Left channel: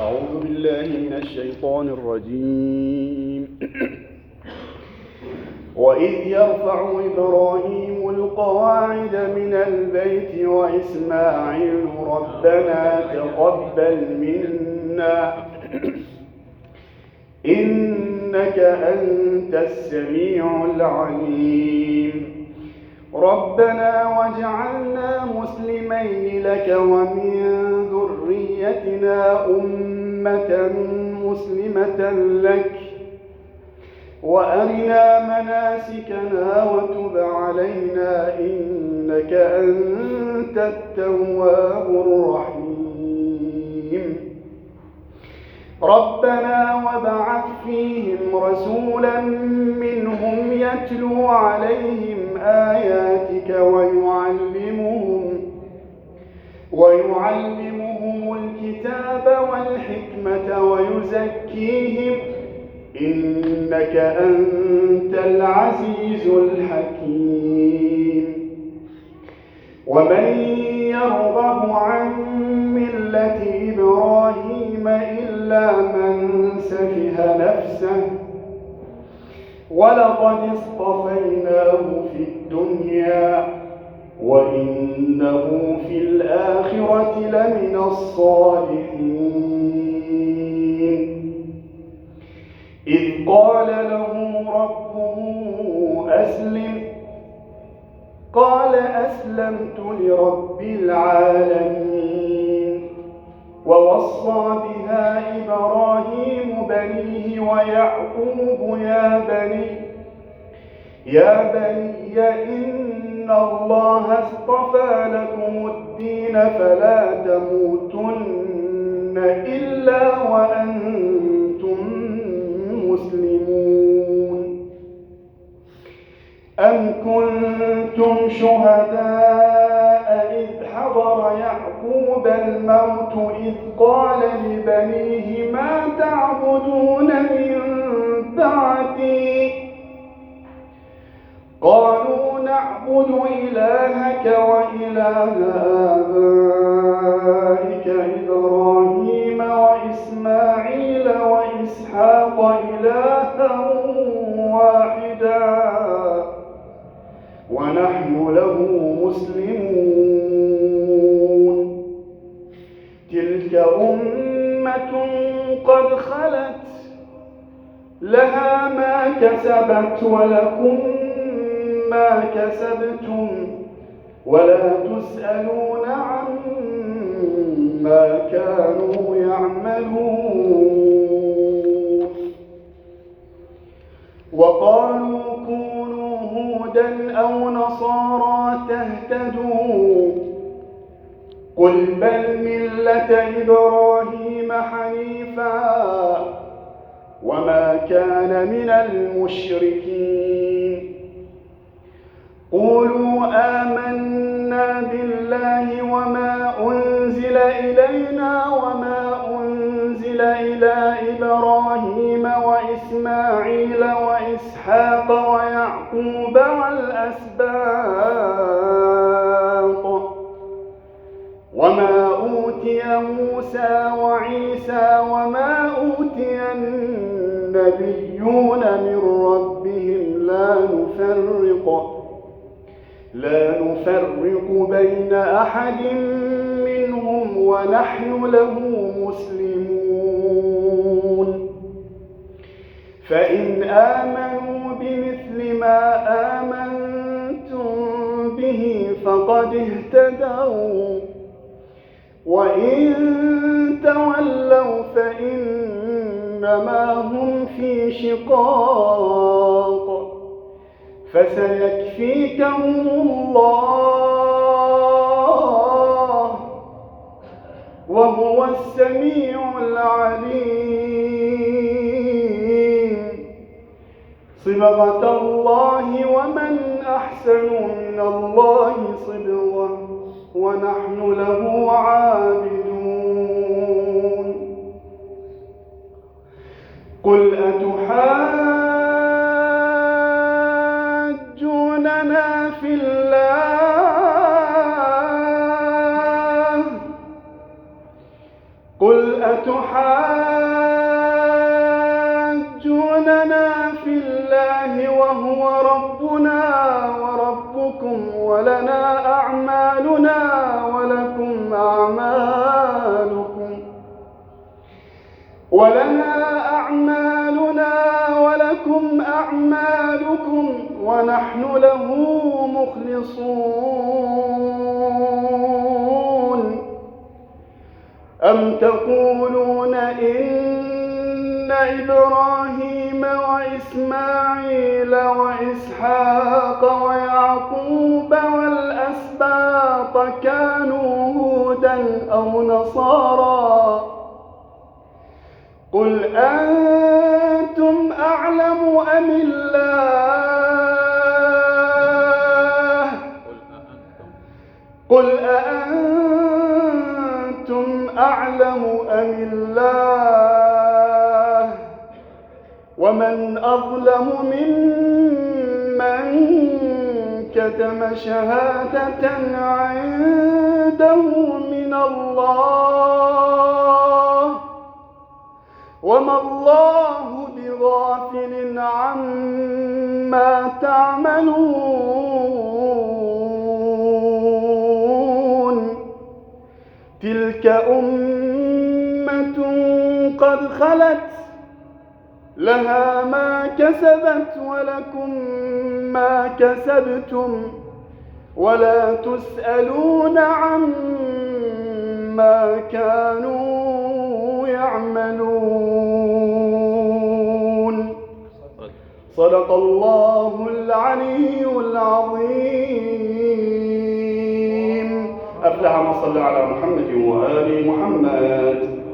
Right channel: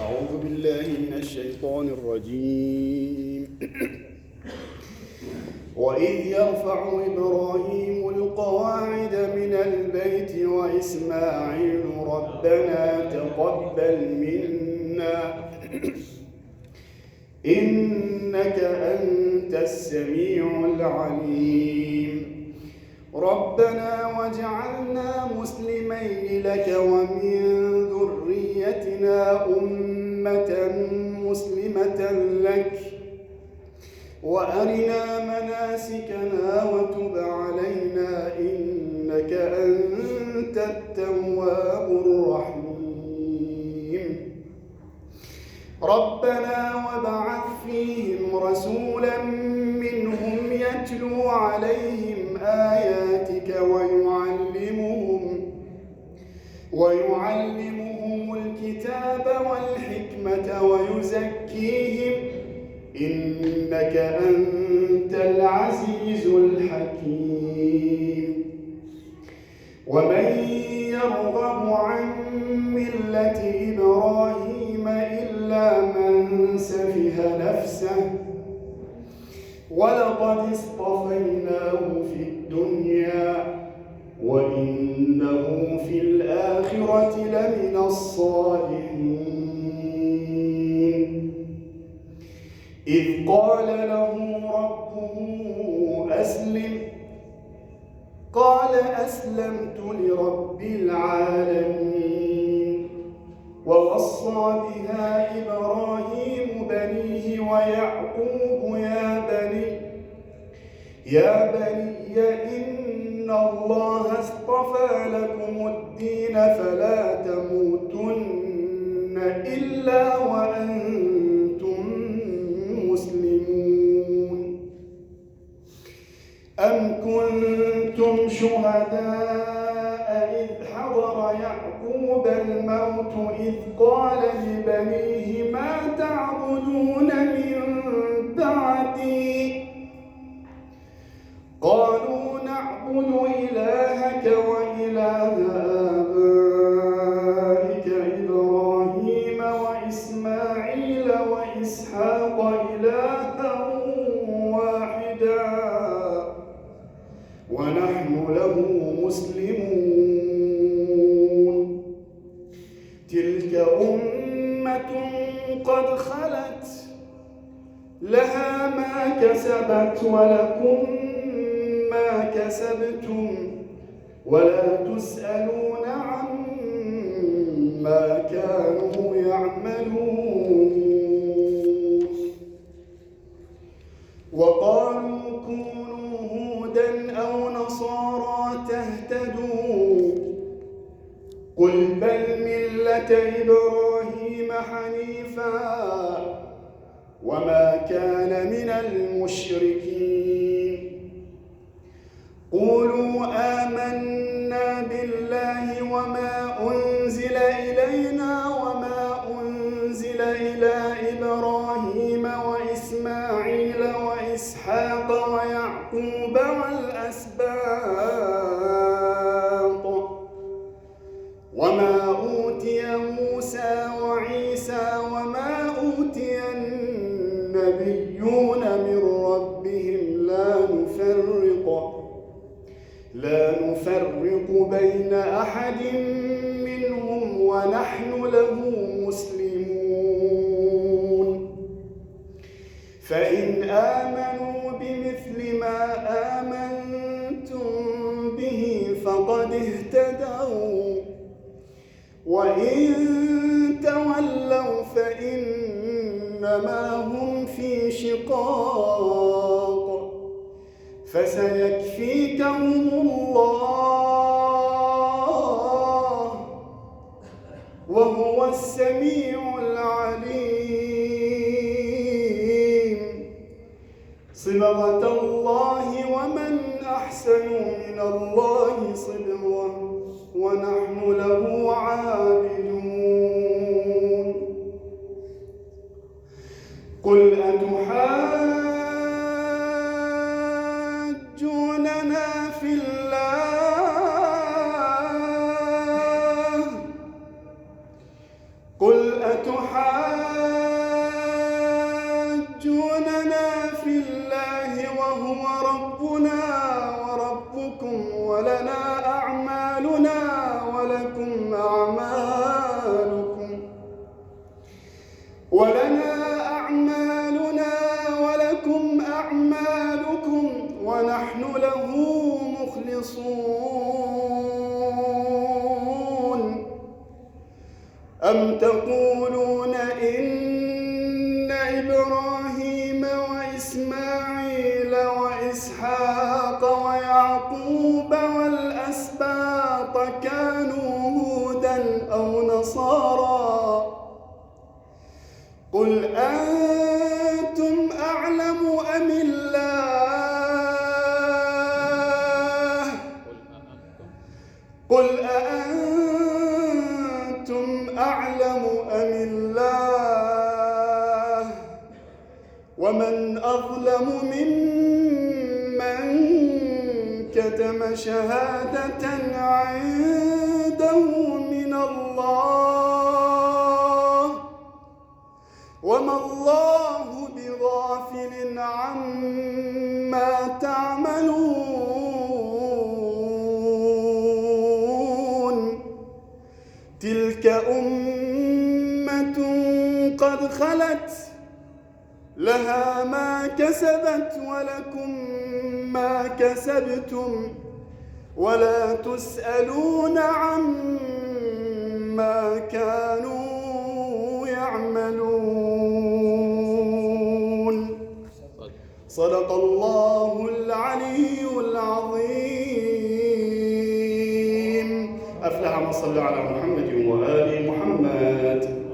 أعوذ بالله من الشيطان الرجيم. وإذ يرفع إبراهيم القواعد من البيت وإسماعيل ربنا تقبل منا إنك أنت السميع العليم. ربنا واجعلنا مسلمين لك ومن ذريتنا أمة مسلمة لك وأرنا مناسكنا وتب علينا إنك أنت التواب الرحيم. ربنا وابعث فيهم رسولا منهم يتلو عليهم آياتك ويعلمهم الكتاب والحكمة ويزكيهم إنك أنت العزيز الحكيم. ومن يرغب عن ملة إبراهيم إلا من سفه نفسه ولقد اصطفيناه في الدنيا وإنه في الآخرة لمن الصالحين. إذ قال له ربه أسلم قال أسلمت لرب العالمين. ووصى بها إبراهيم بنيه ويعقوب يا بني إن الله اصطفى لكم الدين فلا تموتن إلا وأنتم مسلمون. أم كنتم شهداء إذ حضر يعقوب الموت إذ قال لبنيه ما تعبدون من بعدي قالوا نعبد إلهك وإله آبائك إبراهيم وإسماعيل وإسحاق إلها واحدا ونحن له مسلمون. تلك أمة قد خلت لها ما كسبت ولكم ما كسبتم ولا تسألون عما كانوا يعملون. وقالوا كونوا هودا أو نصارى تهتدوا قل بل ملة إبراهيم حنيفا وما كان من المشركين. قولوا آمنا بالله وما أنزل إلينا وما أنزل إلى إبراهيم وإسماعيل وإسحاق ويعقوب والأسباط وما أوتي موسى وعيسى وما أوتي النبيون من ربهم لا نفرق بين أحد منهم ونحن له مسلمون. فإن آمنوا بمثل ما آمنتم به فقد اهتدوا وإن تولوا فإنما هم في شقاق فسيكفيكهم الله وهو السميع العليم. صبغة الله ومن أحسن من الله صبغة ونحن له عابدون. قل أتحاجوننا في الله أتحاجوننا في الله وهو ربنا وربكم ولنا أعمالنا ولكم أعمالكم ونحن له مخلصون أم تقولون إن إبراهيم وإسماعيل وإسحاق ويعقوب والأسباط كانوا هودا أو نصارى قل أنتم أعلم أم الله قل أأنتم أعلم أم الله ومن أظلم ممن كتم شهادة عنده من الله وما الله بغافل عما تعملون تلك أمة قد خلت لها ما كسبت ولكم ما كسبتم ولا تسألون عما كانوا يعملون صدق الله العلي العظيم. أفلح من صلى على محمد وآل محمد.